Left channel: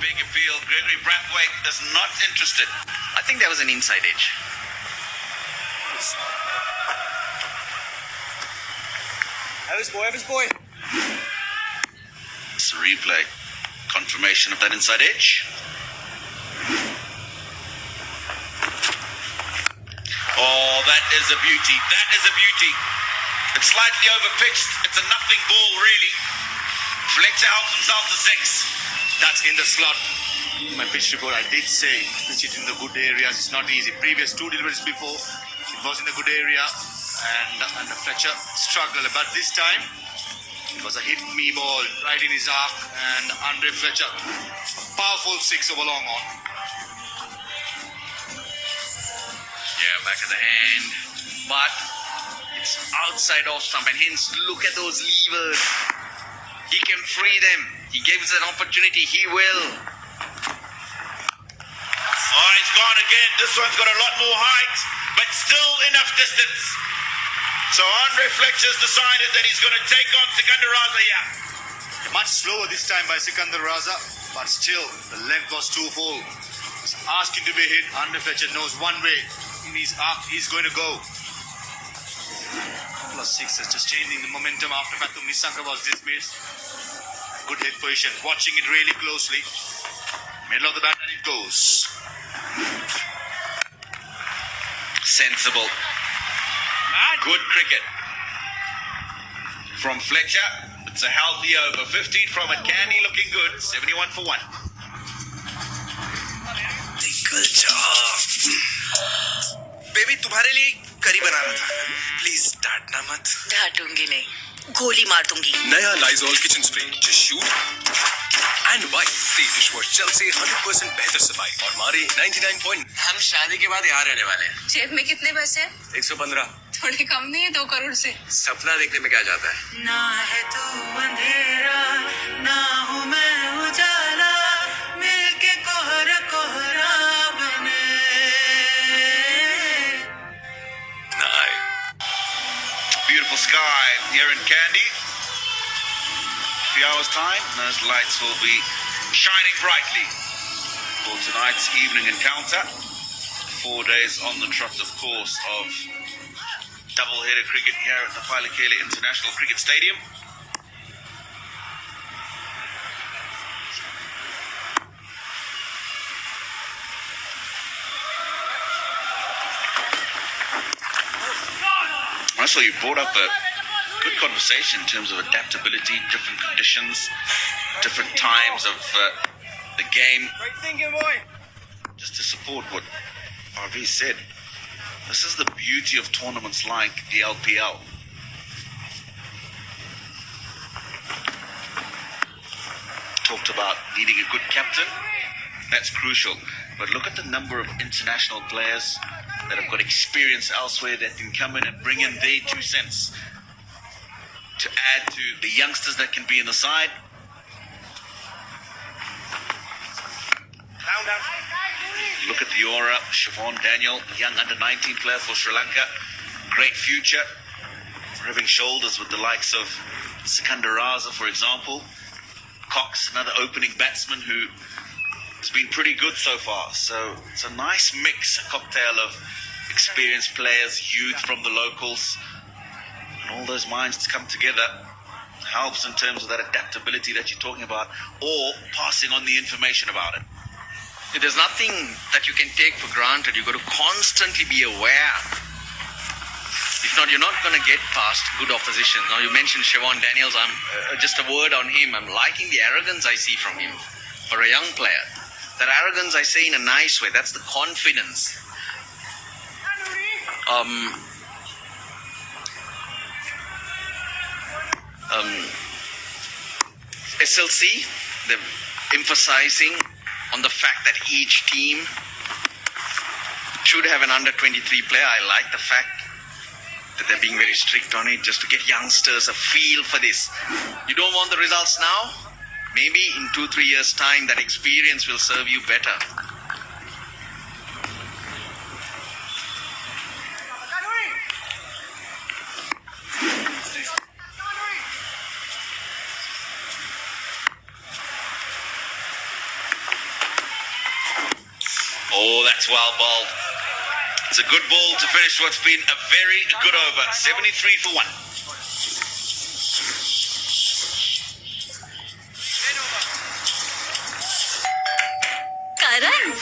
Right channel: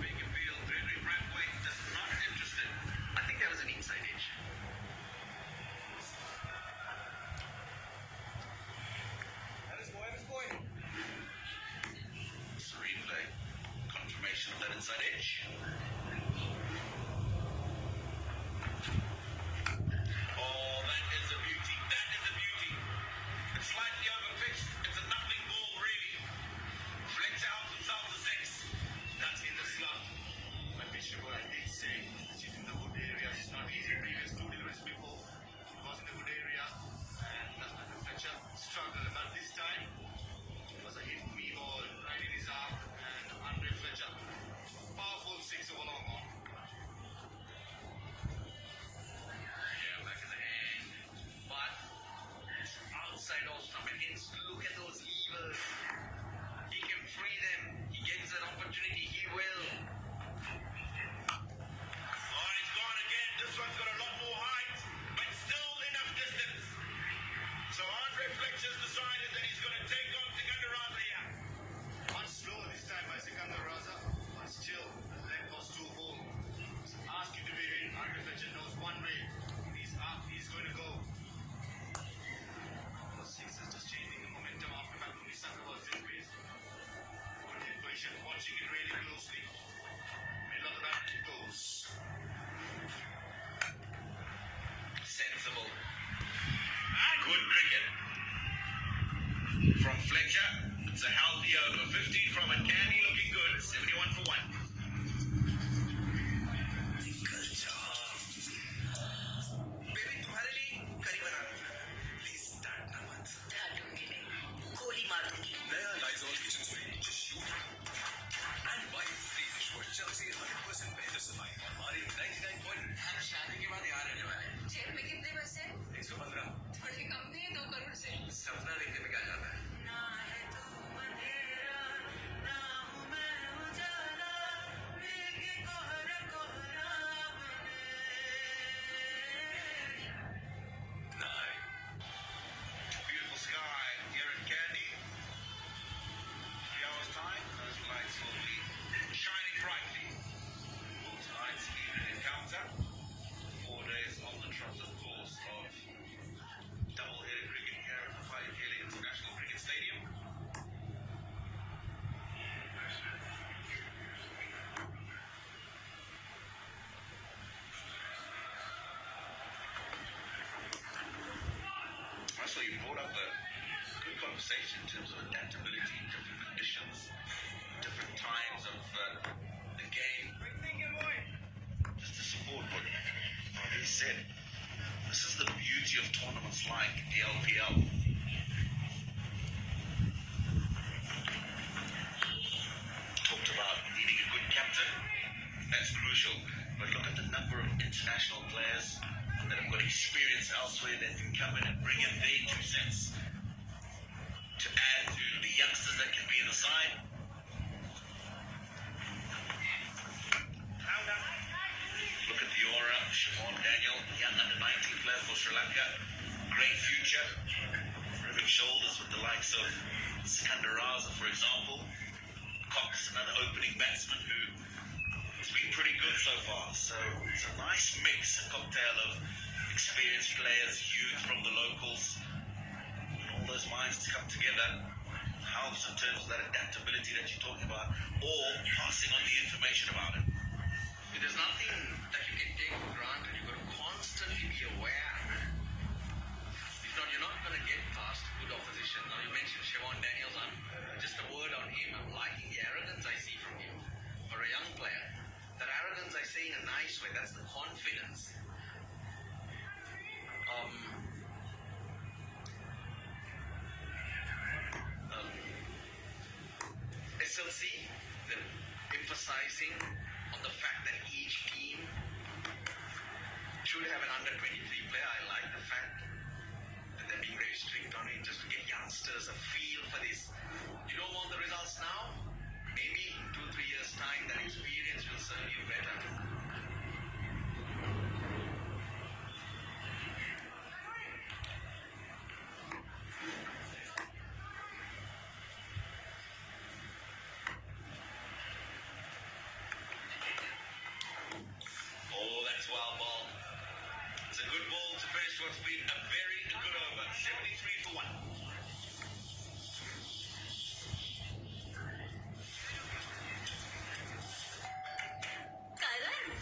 big appeal. Gregory Brathwaite is not interested. I think there was an inside edge. Have his boy. It's a replay. Confirmation of that inside edge. Oh, that is a beauty. That is a beauty. It's slightly overpitched. It's a nothing ball, really. Fletcher helps himself to 6. That's in the slot. My pitch report, I did say pitch it in the good areas. It's not easy. Previous 2 deliveries before, it was in a good area, and Fletcher struggled. But this time, it was a hit me ball right in his arc, and Andre Fletcher, powerful 6 over long on. Yeah, back of the hand, but it's outside off stump, and hence look at those levers. He can free them. He gives an opportunity. He will. Oh, he's gone again. This one's got a lot more height, but still enough distance. So Andre Fletcher's decided that he's going to take on Sikandar Raza here. Much slower this time by Sikandar Raza, but still, the length was too full. He's asking to be hit. Andre Fletcher knows one way. In his arc, he's going to go. Plus 6 is just changing the momentum after Mathew Nissanka was dismissed. Good hit position, watching it really closely. Middle of the bat, and it goes. Sensible. Good cricket from Fletcher. It's a healthy over. 15 from it. Candy looking good. 71 for 1. Good job. Baby तुम्हारे लिए करी बना रहा था. Please डांटना मत. डांटूंगी नहीं, गोली मार दूंगी. नया Lysol kitchen spray, just shoot and wipe से डिशवॉश जेल से 100% बेहतर सफाई और मारे 99 पॉइंट. हम शादी के बाद यहाँ रहने वाले हैं. जेब में कितने पैसे हैं? 115. थोड़े कम नहीं है 2 करोड़ से. सपना देखने में क्या जाता है. ना है तू अंधेरा, ना हूँ मैं उजाला, मिलके कोहरा कोहरा बने. Beautiful sky here in Kandy. Few hours time, those lights will be shining brightly for tonight's evening encounter. 4 days on the trot, of course, of double-header cricket here at the Lpl International Cricket Stadium. So you brought up a good conversation in terms of adaptability, different conditions, different times of the game. Great thinking, boy. Just to support what RV said, this is the beauty of tournaments like the LPL. Talked about needing a good captain. That's crucial. But look at the number of international players that have got experience elsewhere that can come in and bring in their 2 cents to add to the youngsters that can be in the side. Down. Look at the aura. Siobhan Daniel, young under-19 player for Sri Lanka. Great future. Rubbing shoulders with the likes of Sikandar Raza, for example. Cox, another opening batsman who has been pretty good so far. So it's a nice mix, a cocktail of experienced players, youth from the locals, and all those minds to come together helps in terms of that adaptability that you're talking about, or passing on the information about it. There's nothing that you can take for granted. You've got to constantly be aware. If not, you're not going to get past good opposition. Now, you mentioned Siobhan Daniels. Just a word on him. I'm liking the arrogance I see from him for a young player. That arrogance I say in a nice way. That's the confidence. SLC, they're emphasizing on the fact that each team should have an under-23 player. I like the fact that they're being very strict on it, just to get youngsters a feel for this. You don't want the results now? Maybe in 2-3 years' time, that experience will serve you better. well bowled. It's a good ball to finish what's been a very good over. 73 for 1. करण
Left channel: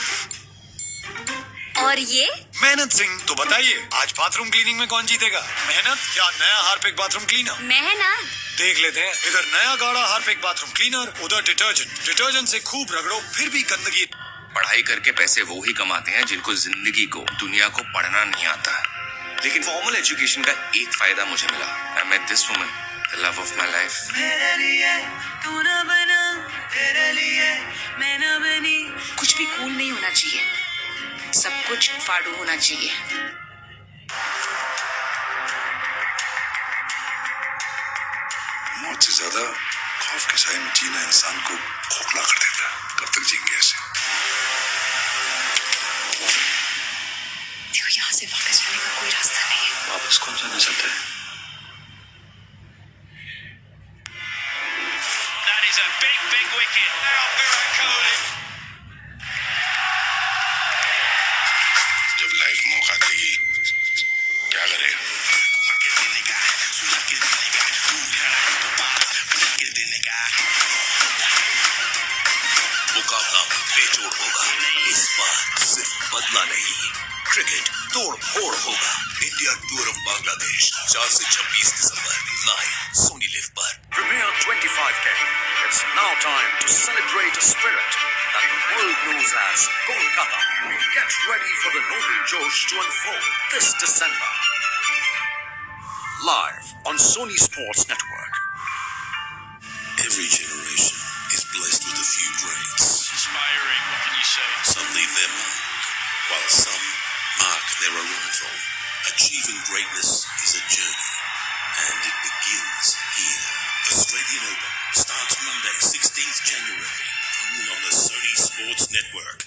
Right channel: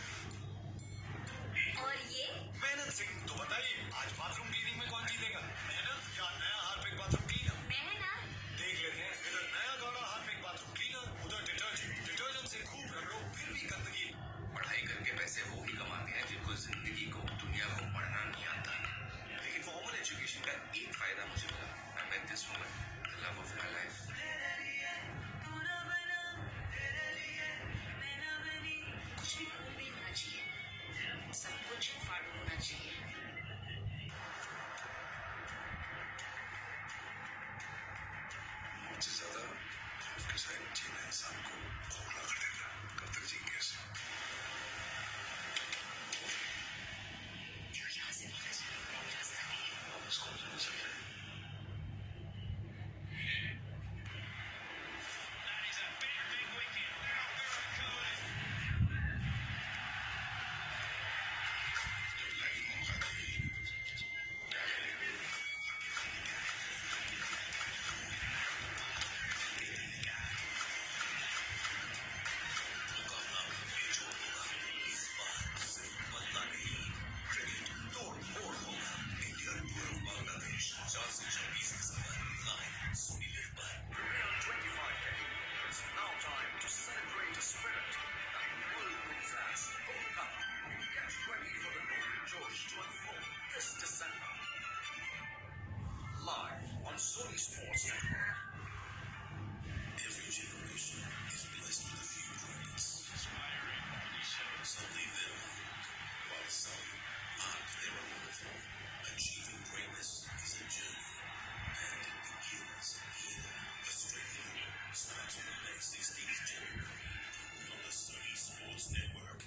और ये मेहनत सिंह। तो बताइए आज bathroom cleaning में कौन जीतेगा, मेहनत या नया हार्पिक बाथरूम क्लीनर? मेहनत। देख लेते हैं। इधर नया गाढ़ा हार्पिक बाथरूम क्लीनर, उधर डिटर्जेंट से खूब रगड़ो फिर भी गंदगी। पढ़ाई करके पैसे वो ही कमाते हैं जिनको जिंदगी को, दुनिया को पढ़ना नहीं आता। लेकिन फॉर्मल एजुकेशन का एक फायदा मुझे मिला। I met this woman, the love of my life. मेरे लिए तू ना बना, तेरे लिए मैं ना बनी। कुछ भी कूल नहीं होना चाहिए, सब कुछ फाड़ू होना चाहिए। मौत से ज्यादा खौफ के साए में जीना इंसान को खोखला कर देता है। कब तक जीएंगे ऐसे? देखो यहाँ से वापस जाने का कोई रास्ता नहीं है। वापस कौन जाना चाहता है? That is a big, big wicket. Now Virat Kohli. जब लाइफ मौका देगी क्या करेगा? मुकाबला बेजोड़ होगा। इस बार सिर्फ बदला नहीं, क्रिकेट तोड़ फोड़ होगा। इंडिया टूरम बांग्लादेश 4 से 26 दिसंबर लाइव सोनी लिव पर। Premier 25K. It's now time to celebrate a spirit that the world knows as Kolkata. Get ready for the noble Josh to unfold this December. Live on Sony Sports Network. Every generation is blessed with a few greats. Inspiring, what can you say? Some leave their mark, while some mark their arrival. Achieving greatness is a journey, and it begins here. Australian Open starts Monday, 16th January, only on the Sony Sports Network.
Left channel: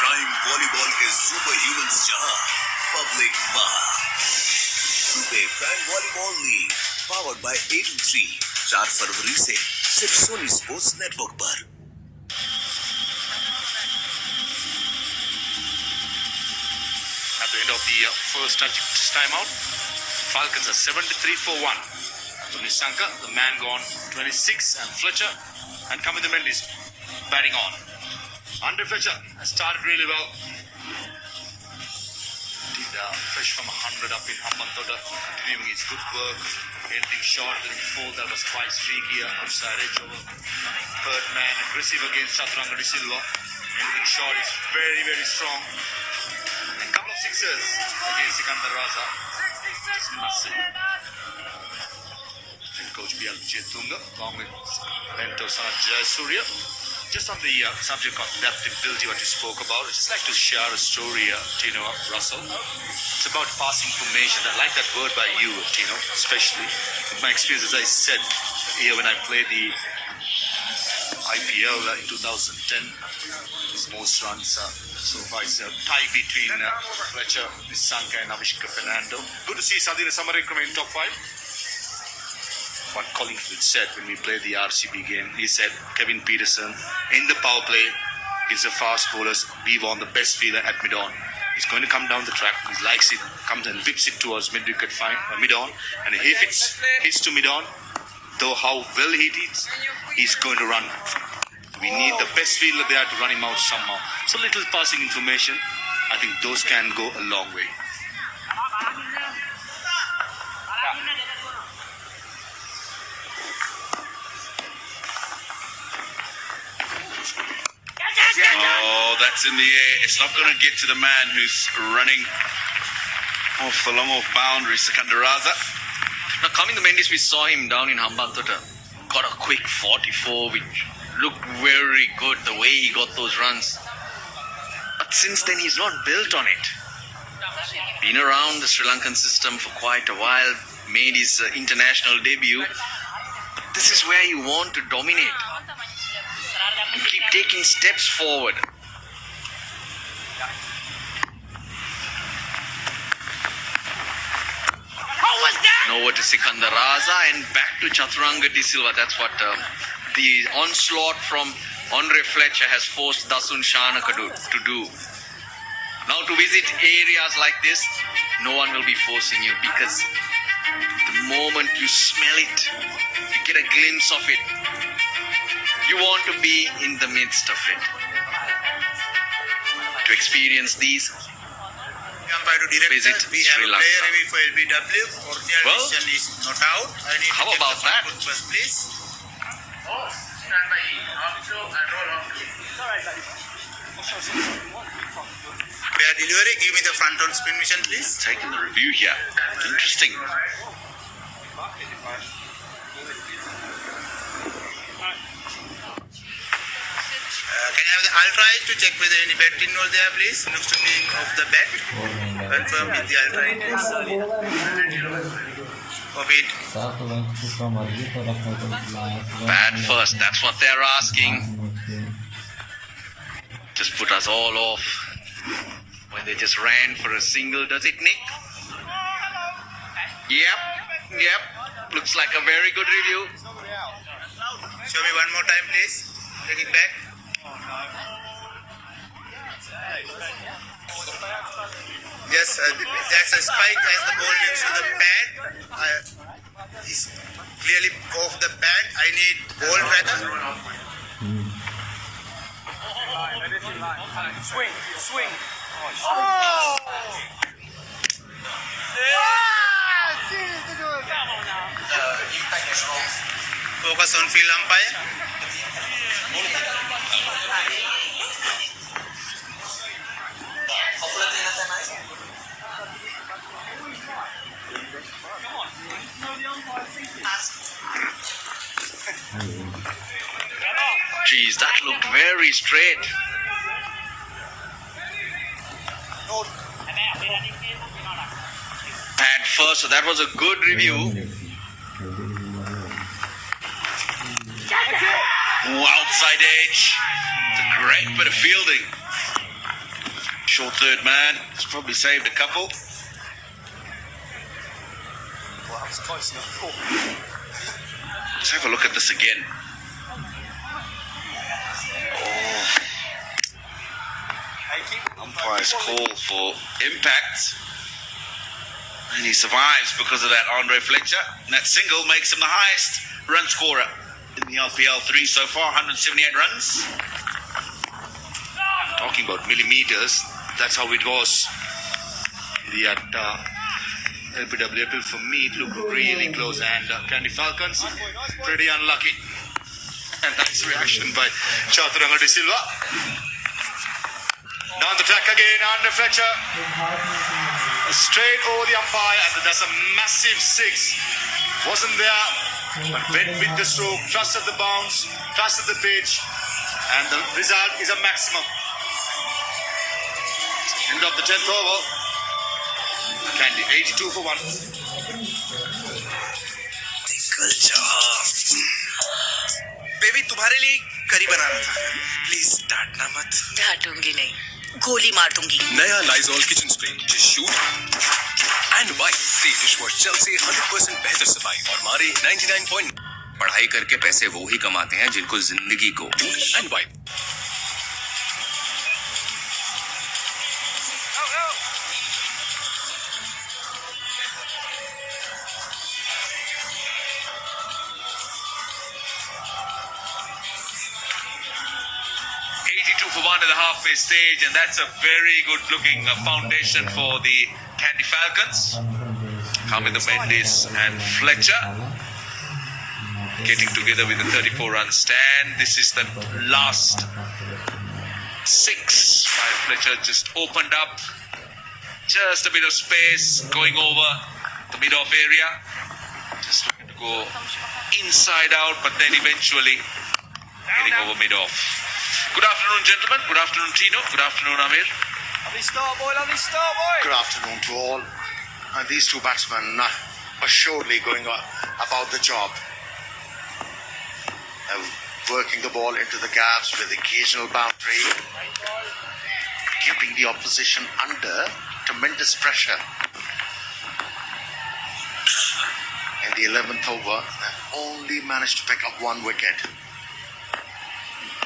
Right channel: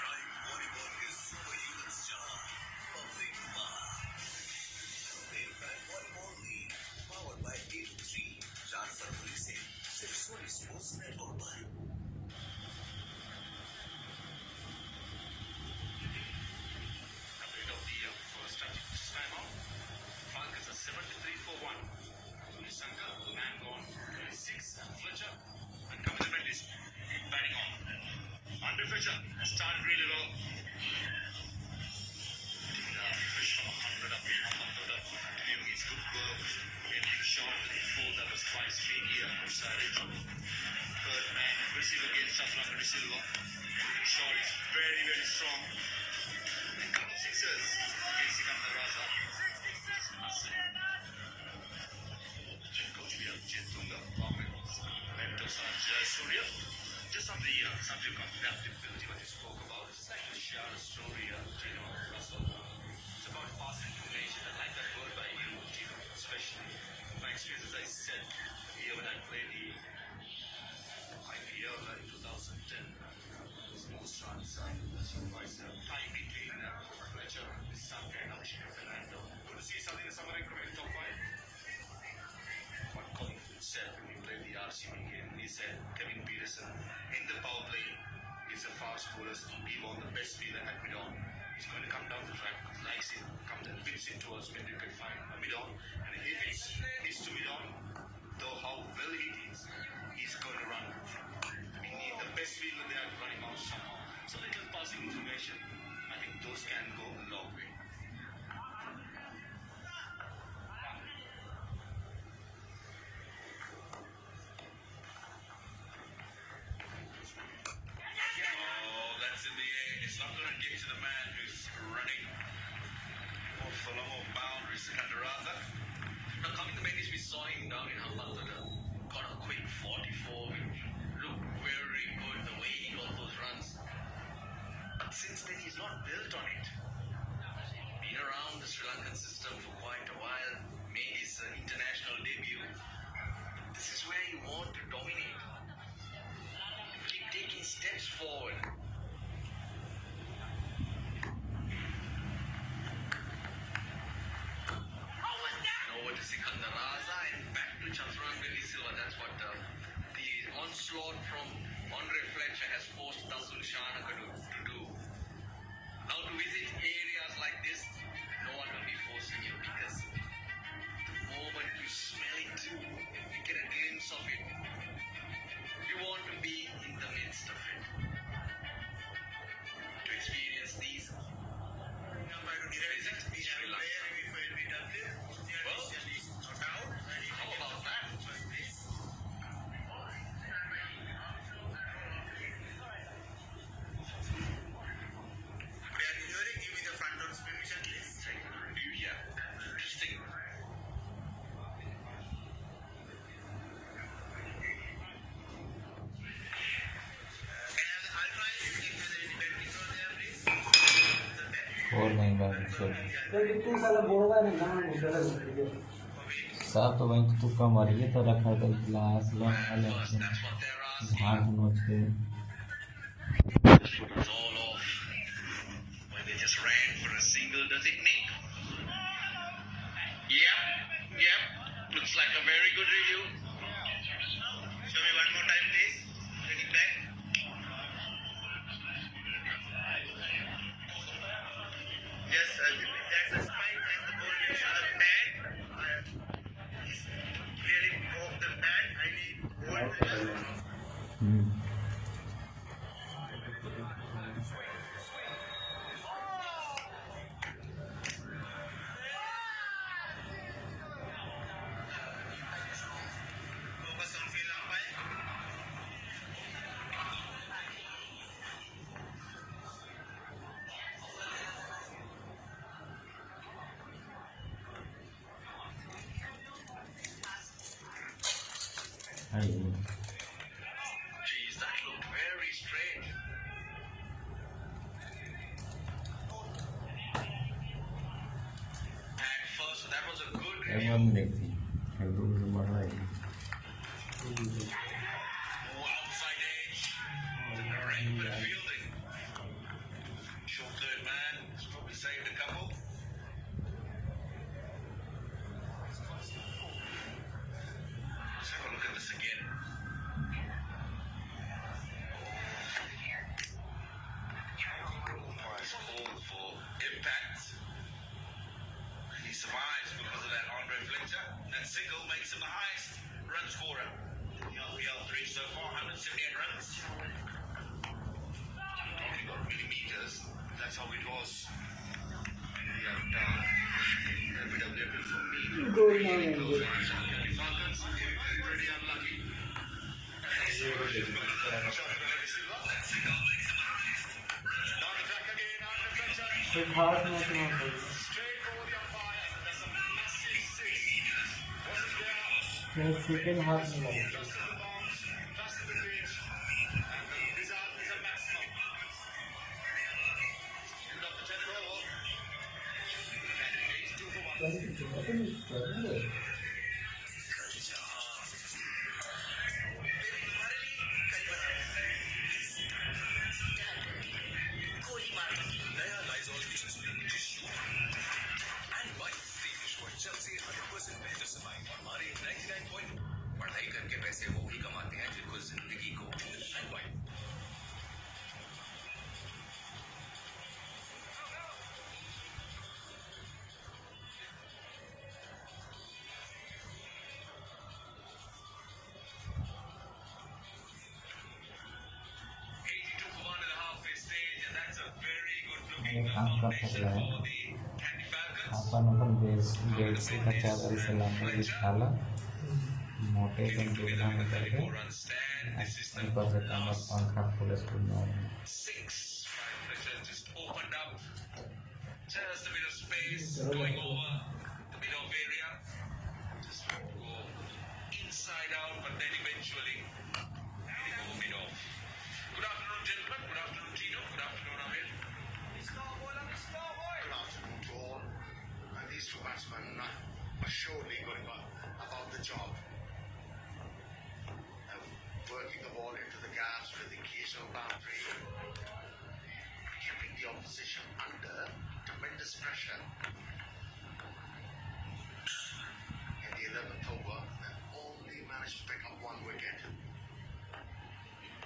Prime volleyball के super humans जहां, public वहां। सुबह prime volleyball league powered by 8-3 4 फरवरी से सिर्फ Soni sports network पर। At the end of the first time out, Falcons are 73 for 1. So Nissanka, the man gone 26, and Fletcher and Kamindu Mendes batting on. Andre Fletcher has started really well. Did fresh from 100 up in Hambantota, continuing his good work. Ending shot in the fourth, that was quite streaky outside edge over. Third man, aggressive against Chaturanga De Silva. Ending shot is very, very strong. A couple of sixes against Sikandar Raza. Just massive. Head coach B.L. Chetunga, along with mentor Sanat Jayasuriya. Just on the subject of adaptability, what you spoke about, I'd just like to share a story, Tino Russell. It's about passing information. I like that word by you, Tino, especially. In my experience, as I said here when I played the IPL in 2010, his most runs so far is a tie between Fletcher, Nissanka and Avishka Fernando. Good to see Sadhira Samarekram in top 5. What Collingwood said when we played the RCB game, he said Kevin Peterson in the power play is a fast bowlers. We want the best fielder at mid-on. He's going to come down the track. He likes it, comes and whips it towards mid-wicket mid-on. And if it hits to mid-on, though how well he hits, he's going to run. We need the best fielder there to run him out somehow. So little passing information, I think those can go a long way. Oh, that's in the air. It's not going to get to the man who's running off the long off boundary, Sikandar Raza. Now, Kamindu Mendes, we saw him down in Hambantota. Got a quick 44, which looked very good, the way he got those runs. But since then, he's not built on it. Been around the Sri Lankan system for quite a while, made his international debut. But this is where you want to dominate and keep taking steps forward. over to Sikandar Raza and back to Chaturanga De Silva. That's what the onslaught from Andre Fletcher has forced Dasun Shanaka to do. Now to visit areas like this, no one will be forcing you, because the moment you smell it, you get a glimpse of it, you want to be in the midst of it. To experience these, visit We have Sri a Lanka. player review for LBW. Original Well, decision is not out. I need how to check about the front that? foot first, please. Player delivery, give me the front on spin mission, please. Taking the review here. Interesting. Can I have the ultra edge to check whether any bet involved there, please? Looks to be of the bet. Confirm with the ultra edge. Of it. Bad first, that's what they're asking. Just put us all off. When they just ran for a single, does it, Nick? Yep. Looks like a very good review. Show me one more time, please. Take it back. Yes, that's a spike as the ball leaves to the pad. He's clearly off the pad. I need ball rather. Swing. Focus on field umpire. Geez, that looked very straight. Pad first, so that was a good review. Outside edge. It's a great bit of fielding. Short third man. It's probably saved a couple. Let's have a look at this again. Umpire's call for impact. And he survives because of that Andre Fletcher. And that single makes him the highest run scorer in the Lpl 3 so far, 178 runs. Talking about millimeters, that's how it was. The LPW, for me, it looked really close, and Candy Falcons, pretty unlucky. And nice reaction by Chaturanga De Silva. Down the track again, Andre Fletcher. Straight over the umpire, and that's a massive six. Wasn't there, but went with the stroke, trusted the bounce, trusted the pitch, and the result is a maximum. End of the 10th over. Candy, 82 for 1. Baby तुम्हारे लिए करी बना रहा था please डांटना मत डांटूंगी नहीं गोली मार दूंगी नया Lysol kitchen spray tissue and wipe से डिशवॉश जेल से 100% बेहतर सफाई और मारे 99 पॉइंट। पढ़ाई करके पैसे वो ही कमाते हैं जिनको जिंदगी को and wipe. 82 for 1 at the halfway stage, and that's a very good looking foundation for the Candy Falcons. Hamida Mendes and Fletcher getting together with a 34 run stand. This is the last 6 by Fletcher, just opened up, just a bit of space going over the mid-off area, just looking to go inside out, but then eventually getting over mid-off. Good afternoon, gentlemen. Good afternoon, Tino. Good afternoon, Amir. Lovely start, boy. Good afternoon to all. These two batsmen are surely going about the job. Working the ball into the gaps with occasional boundary, keeping the opposition under tremendous pressure. the 11th over and only managed to pick up 1 wicket.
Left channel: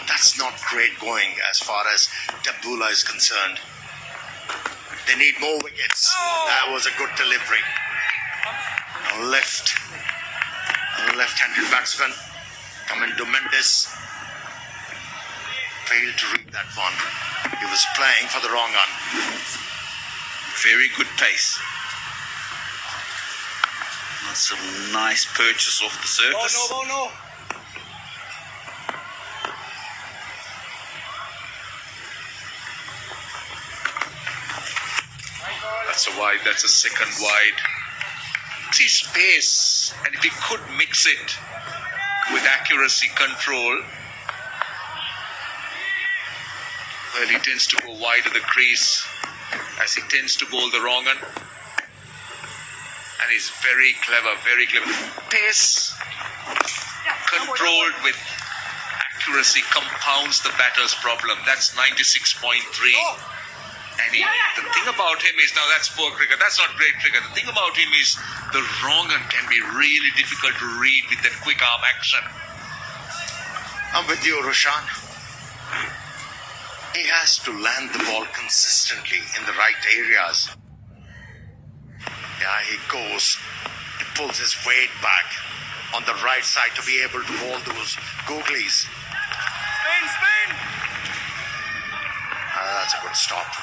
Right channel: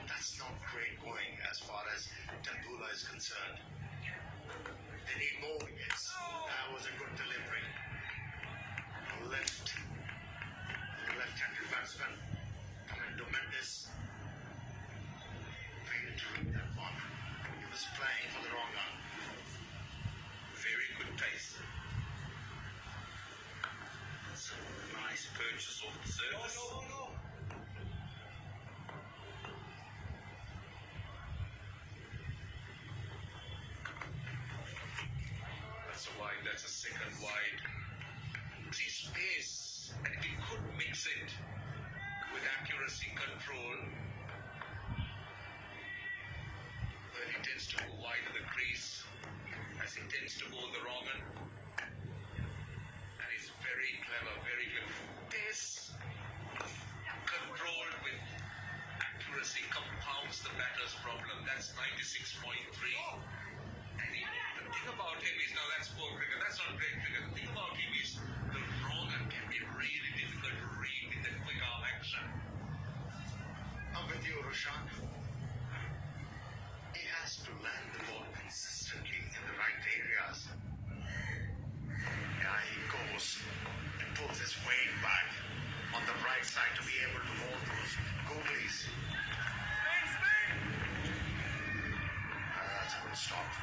That's not great going as far as Tabula is concerned. They need more wickets. That was a good delivery. A left-handed batsman coming to Mendes. Failed to read that one. He was playing for the wrong one. Very good pace. That's a nice purchase off the surface. No. That's a wide, that's a second wide. It's his pace, and if he could mix it with accuracy control, well, he tends to go wide of the crease as he tends to bowl the wrong one. And he's very clever. Pace controlled with accuracy compounds the batter's problem. That's 96.3. And the thing about him is, now that's poor cricket, that's not great cricket. The thing about him is the wrong one can be really difficult to read with that quick arm action. I'm with you, Roshan. He has to land the ball consistently in the right areas. Yeah, he goes, he pulls his weight back on the right side to be able to bowl those googlies. Spin! That's a good stop.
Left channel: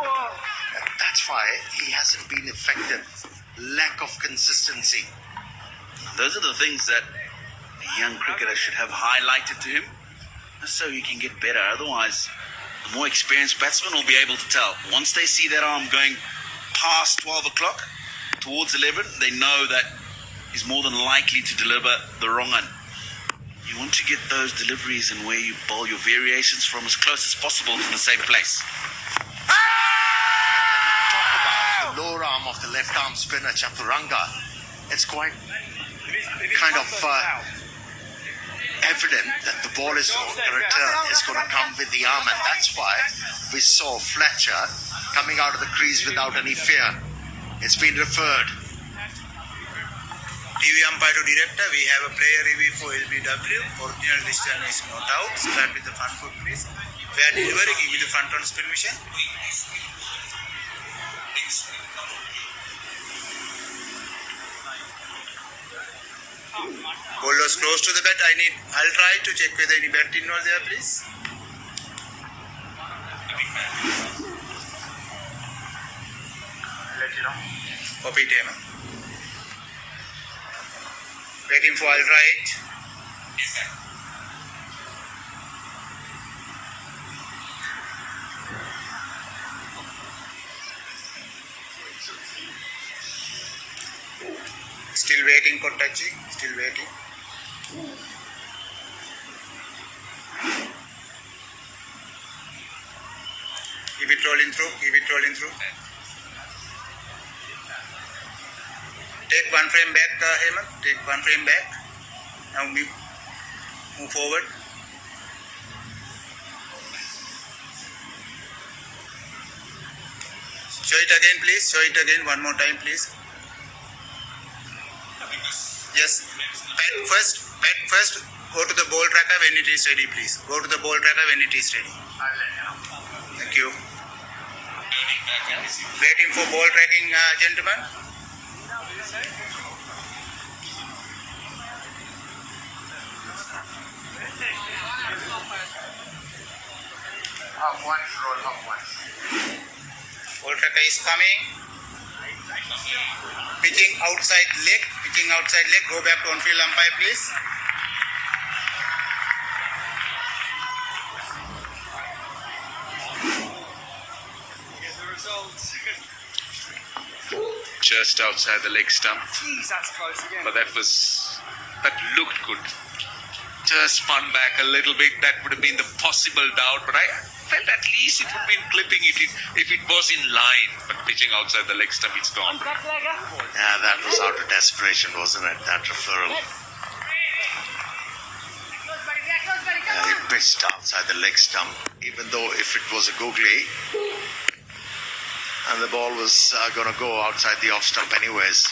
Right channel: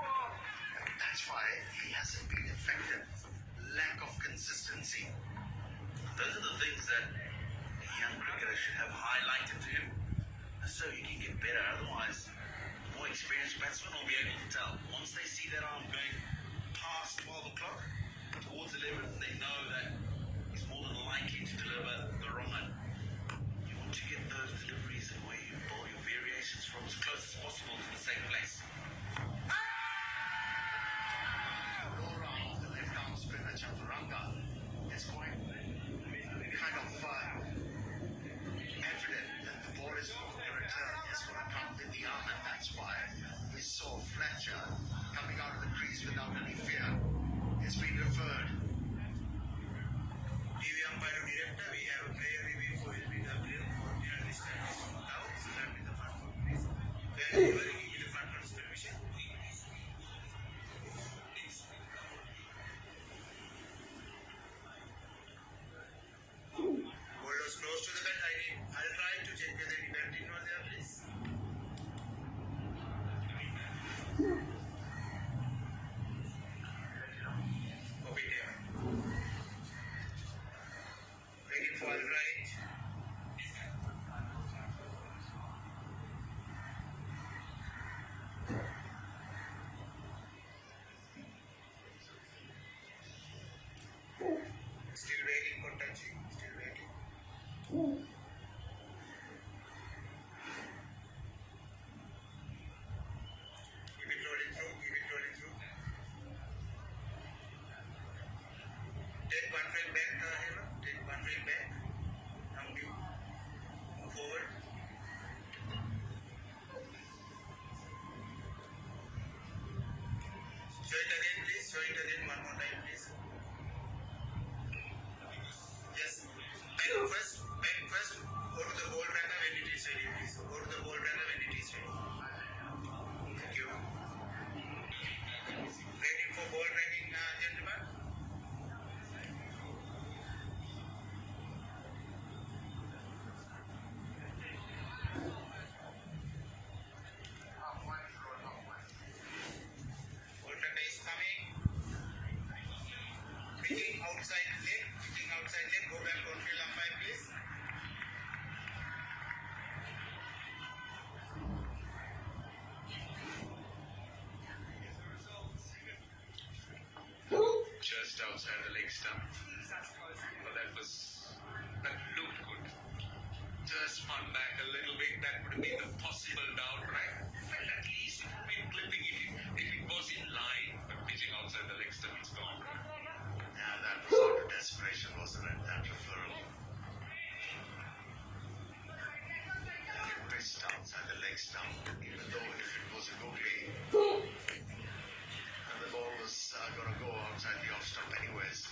And that's why he hasn't been effective. Lack of consistency. Those are the things that a young cricketer should have highlighted to him, so he can get better. Otherwise, the more experienced batsmen will be able to tell. Once they see that arm going past 12 o'clock, towards 11, they know that he's more than likely to deliver the wrong one. You want to get those deliveries and where you bowl your variations from as close as possible to the same place. Talk about the lower arm of the left arm spinner Chaturanga. It's quite kind of evident that the ball is going to come with the arm, and that's why we saw Fletcher coming out of the crease without any fear. It's been referred. TV umpire to director, we have a player review for LBW. Original decision is not out. Start with the front foot, please. Fair delivery, give me the front on spin mission. Bowlers close to the bat. I'll try to check whether any bat involved there, please. Let you know. Copy Tamer. Waiting for I'll try it. Still waiting for touching. Still waiting. Keep it rolling through. Keep it rolling through. Take 1 frame back, Hemant. Take 1 frame back. Now move forward. Show it again, please. Show it again. One more time, please. Yes. Bat first. Go to the ball tracker when it is ready, please. Go to the ball tracker when it is ready. Thank you. Waiting for ball tracking, gentlemen. Half one, roll half one. Ball tracker is coming. Pitching outside leg. Go back to on-field umpire, please. Just outside the leg stump. Jeez, that's close again. But that looked good. Just spun back a little bit. That would have been the possible doubt, but I felt at least it would have been clipping if it was in line. But pitching outside the leg stump, it's gone. Yeah, that was out of desperation, wasn't it? That referral. He pitched outside the leg stump. Even though if it was a googly, And the ball was going to go outside the off stump anyways.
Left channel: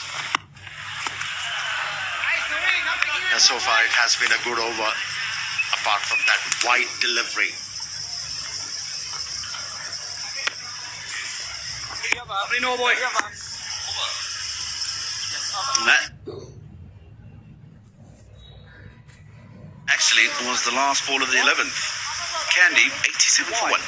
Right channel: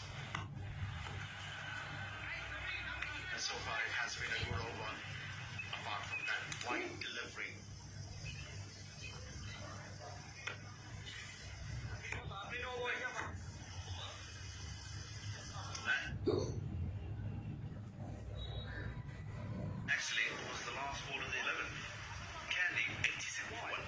And so far it has been a good over, apart from that wide delivery. Actually, it was the last ball of the 11th. Candy, 87 for 1.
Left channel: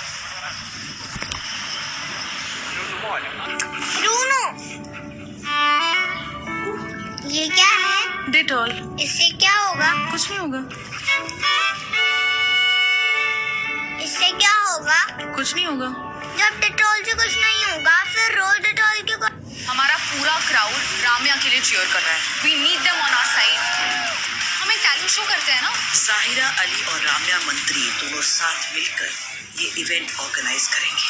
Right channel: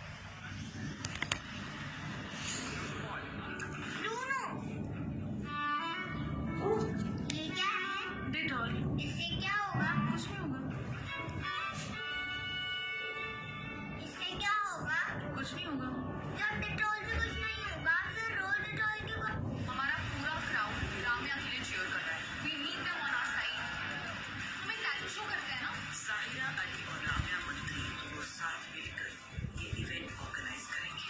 ये क्या है? Dettol. इससे क्या होगा? कुछ नहीं होगा। इससे क्या होगा? कुछ नहीं होगा। जब डेटॉल से कुछ नहीं होगा, फिर रोज डेटॉल क्यों? हमारा पूरा क्राउड राम्या के लिए चीयर कर रहा है। We need them on our side. हम एक टैलेंट शो करते हैं ना? साहिरा अली और राम्या मंत्री दोनों साथ मिलकर ये इवेंट ऑर्गेनाइज करेंगे।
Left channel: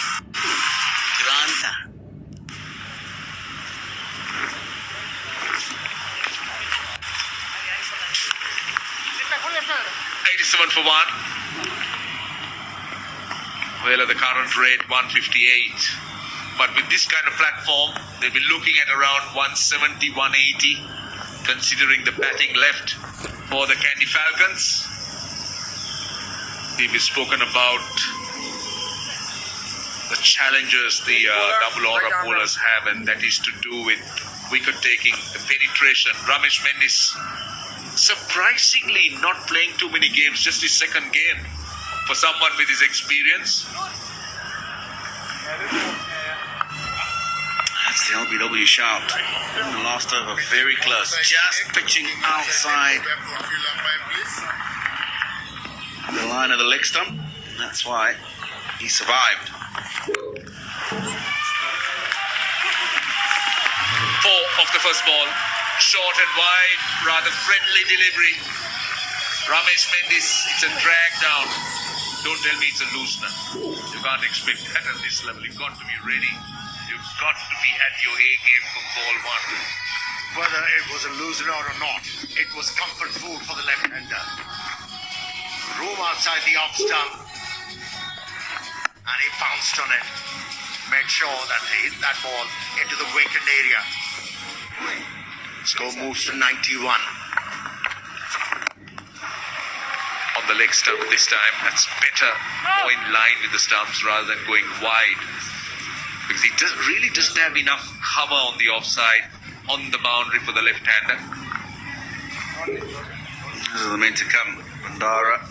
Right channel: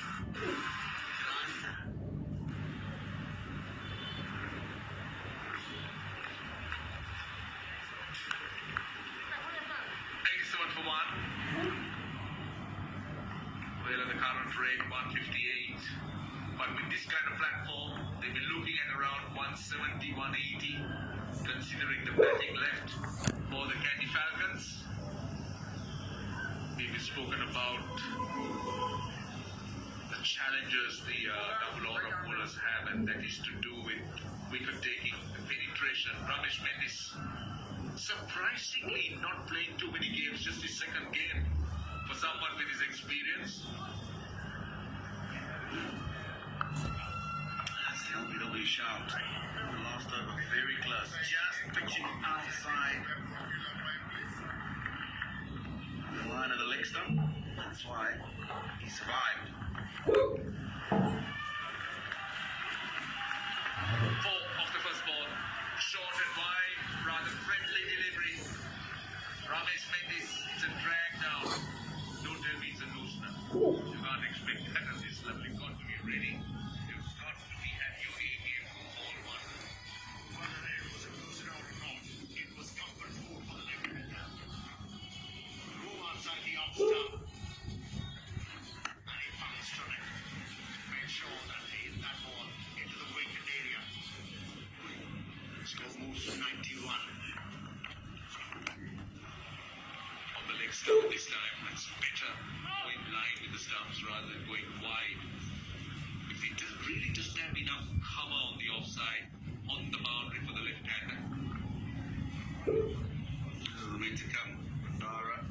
क्रांता। 87 for 1. Well, at the current rate, 158. But with this kind of platform, they'll be looking at around 170, 180, considering the batting left for the Candy Falcons. We've spoken about the challenges the double aura bowlers have, and that is to do with wicket taking, the penetration. Ramesh Mendis surprisingly not playing too many games, just his second game for someone with his experience. That's the LBW shout. The last over very close, just pitching outside the line of the leg stump. That's why he survived. 4 of the first ball. Short and wide, rather friendly delivery. Ramesh Mendis, it's a drag down. Don't tell me it's a loosener. You can't expect that at this level. You've got to be ready. You've got to be at your A game for ball 1. Whether it was a loosener or not, it was comfort food for the left-hander. Room outside the off stump, and he pounced on it. Made sure that he hit that ball into the vacant area. Score moves to 91. On the leg stump this time, that's better. More in line with the stumps rather than going wide. Because he really doesn't have enough cover on the offside, on the boundary for the left-hander. This is the men to come. Bandara,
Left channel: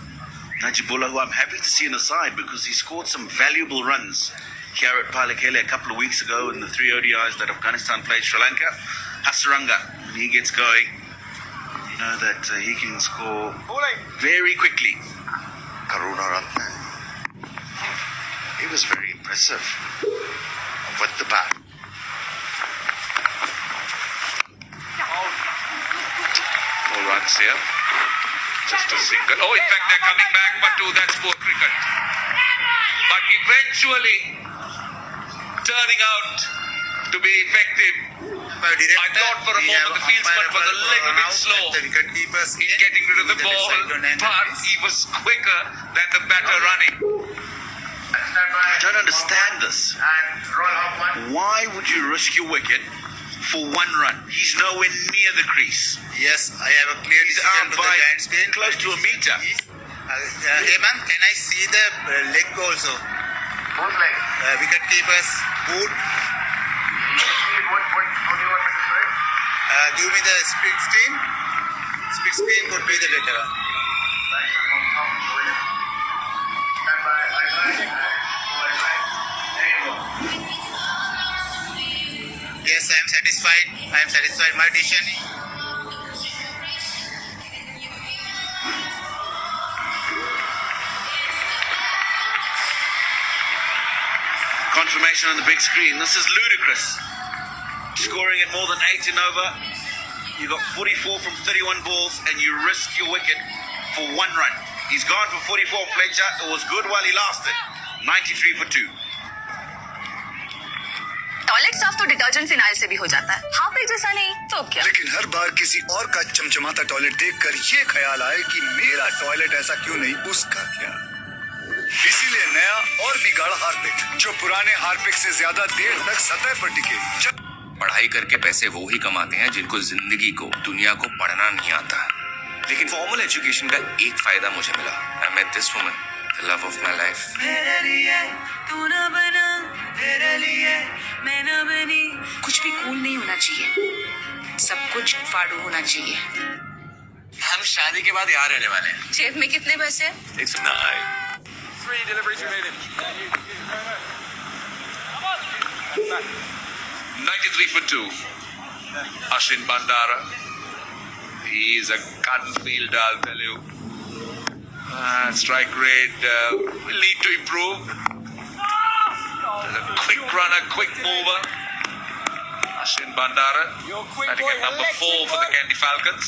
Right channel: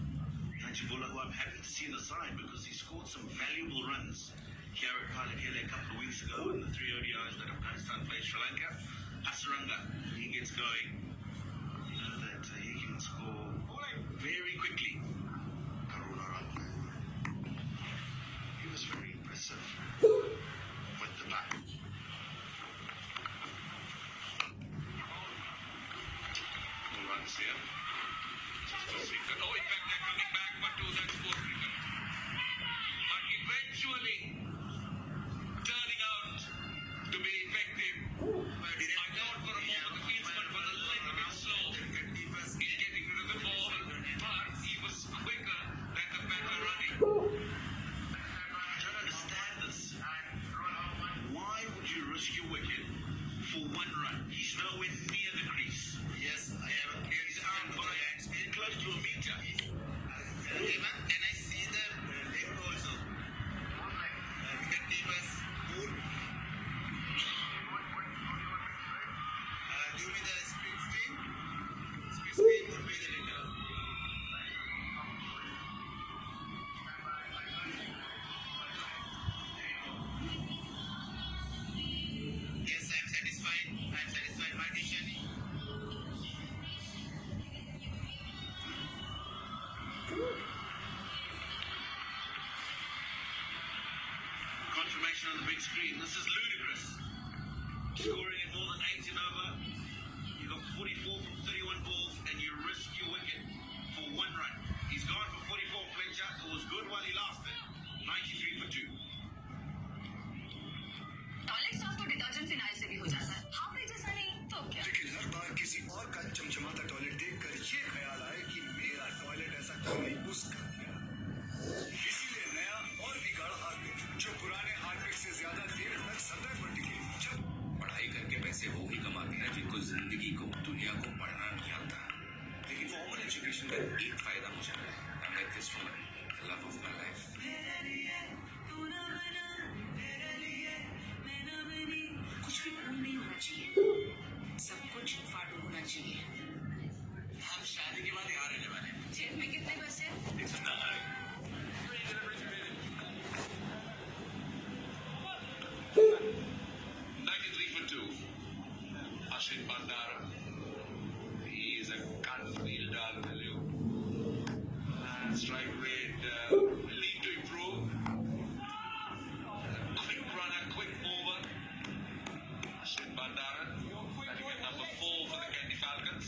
Najibullah, who I'm happy to see on the side because he scored some valuable runs here at Palakele a couple of weeks ago in the 3 ODIs that Afghanistan played Sri Lanka. Hasaranga, when he gets going, you know that he can score very quickly. Karuna Ratne. He was very impressive with the bat. All runs here. Just a single. Oh, in fact, they're coming back, but that's poor cricket. But eventually turning out to be effective. I thought for a moment the fieldsman was a little bit slow in getting rid of the ball, but he was quicker than the batter running. I don't understand this. Why would you risk your wicket for 1 run? He's nowhere near the crease. Yes, I have a clear He's decision out to the by giant screen. close to a meter. Heyman, can I see the leg also? Both legs. Wicket keeper's boot. Give me the split screen. Split screen would be the better one. Yes, I am satisfied. I am satisfied. My decision. Confirmation on the big screen. This is ludicrous. Scoring at more than 8 in over. You got 44 from 31 balls and you risk your wicket for 1 run. He's gone for 44, Fletcher. It was good while he lasted. 93 for 2. Toilet साफ तो detergent phenyl से भी हो जाता है, half एक जैसा नहीं तो क्या? लेकिन हर बार किसी और का चमचमाता टॉयलेट देखकर ये ख्याल आए कि मेरा टॉयलेट ऐसा क्यों नहीं, उसका क्या? इसीलिए नया और भी गाढ़ा हार्पिक, जो पुराने हार्पिक से ज्यादा देर तक सतह पर टिके। पढ़ाई करके पैसे वो ही कमाते हैं जिनको जिंदगी को, दुनिया को पढ़ना नहीं आता। लेकिन फॉर्मल एजुकेशन का एक फायदा मुझे मिला। I met this woman, the love of my life. मेरे लिए तू ना बना, तेरे लिए मैं ना बनी। कुछ भी कूल नहीं होना चाहिए, सब कुछ फाड़ू होना चाहिए। हम शादी के बाद यहाँ रहने वाले हैं। जेब में कितने पैसे हैं? 3 deliveries remaining. 93 for 2. Ashin Bandara. He is a gun fielder, I'll tell you. Strike rate will need to improve. A quick runner, quick mover. Ashin Bandara, batting at number 4 for the Candy Falcons.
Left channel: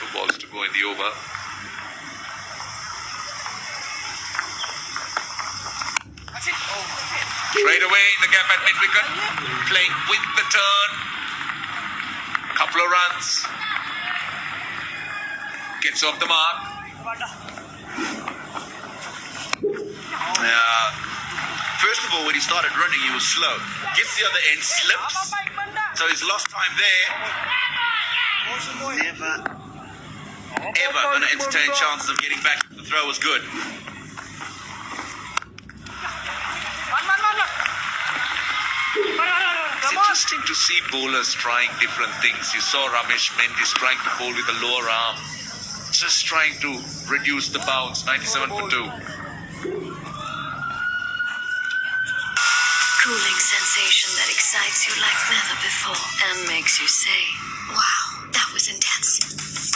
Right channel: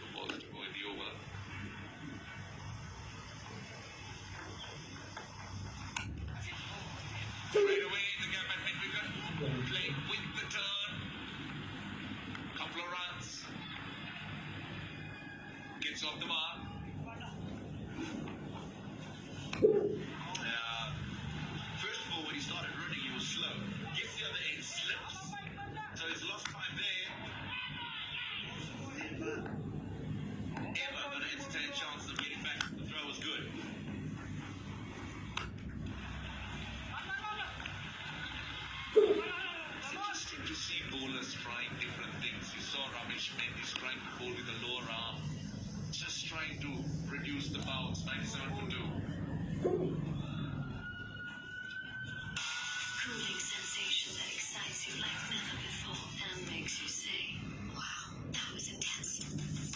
The balls to go in the over. Straight away in the gap at mid-wicket, playing with the turn. Couple of runs. Gets off the mark. First of all, when he started running, he was slow. Gets the other end, slips. So he's lost time there. Never, ever going to entertain chances of getting back. The throw was good. It's interesting to see bowlers trying different things. You saw Ramesh Mendis trying to bowl with a lower arm, just trying to reduce the bounce. 97 for 2. Cooling sensation that excites you like never before and makes you say, wow, that was intense.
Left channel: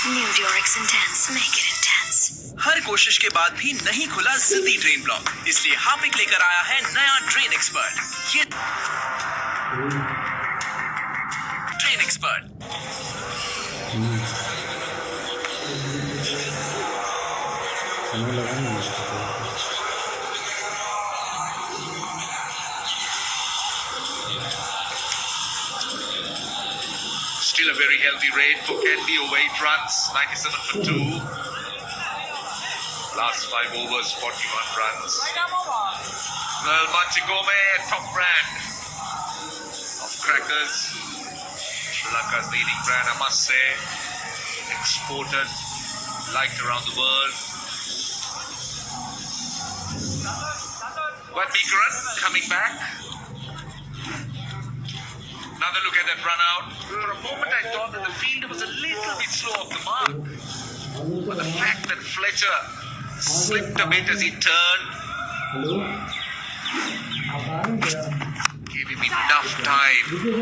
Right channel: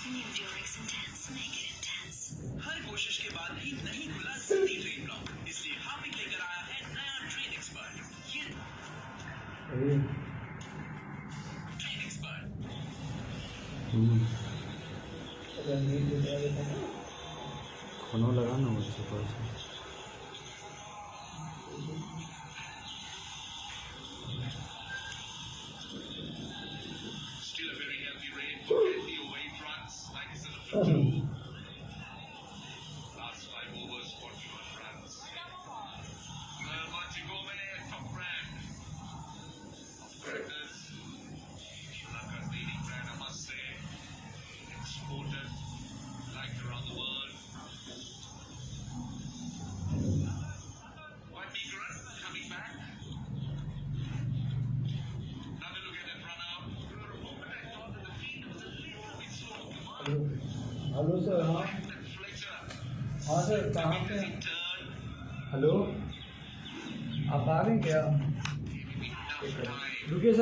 New Durex Intense, make it intense. हर कोशिश के बाद भी नहीं खुला जल्दी drain block, इसलिए Harpic लेकर आया है नया ड्रेन एक्सपर्ट। ये drain expert Still a very healthy rate for Candy, over 8 runs, 97 for 2. Last 5 overs, 41 runs. Well, Manchikome, top brand of crackers. Sri Lanka's leading brand, I must say. Exported, liked around the world. Wadmikaran coming back. Another look at that run out. For a moment I thought that the fielder was a little bit slow off the mark. But the fact that Fletcher slipped a bit as he turned gave him enough time. Good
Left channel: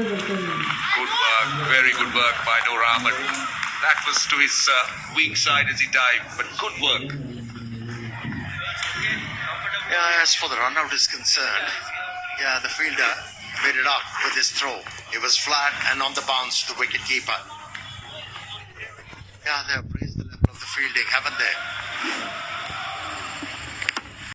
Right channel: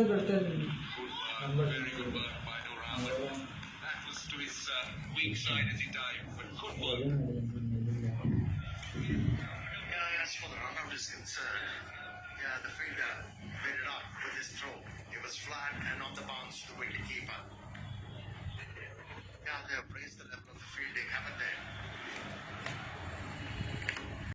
work, very good work by Noor Ahmed. That was to his weak side as he dived, but good work. Yeah, as for the run out is concerned, yeah, the fielder made it up with his throw. It was flat and on the bounce to the wicket keeper. Yeah, they've raised the level of the fielding, haven't they?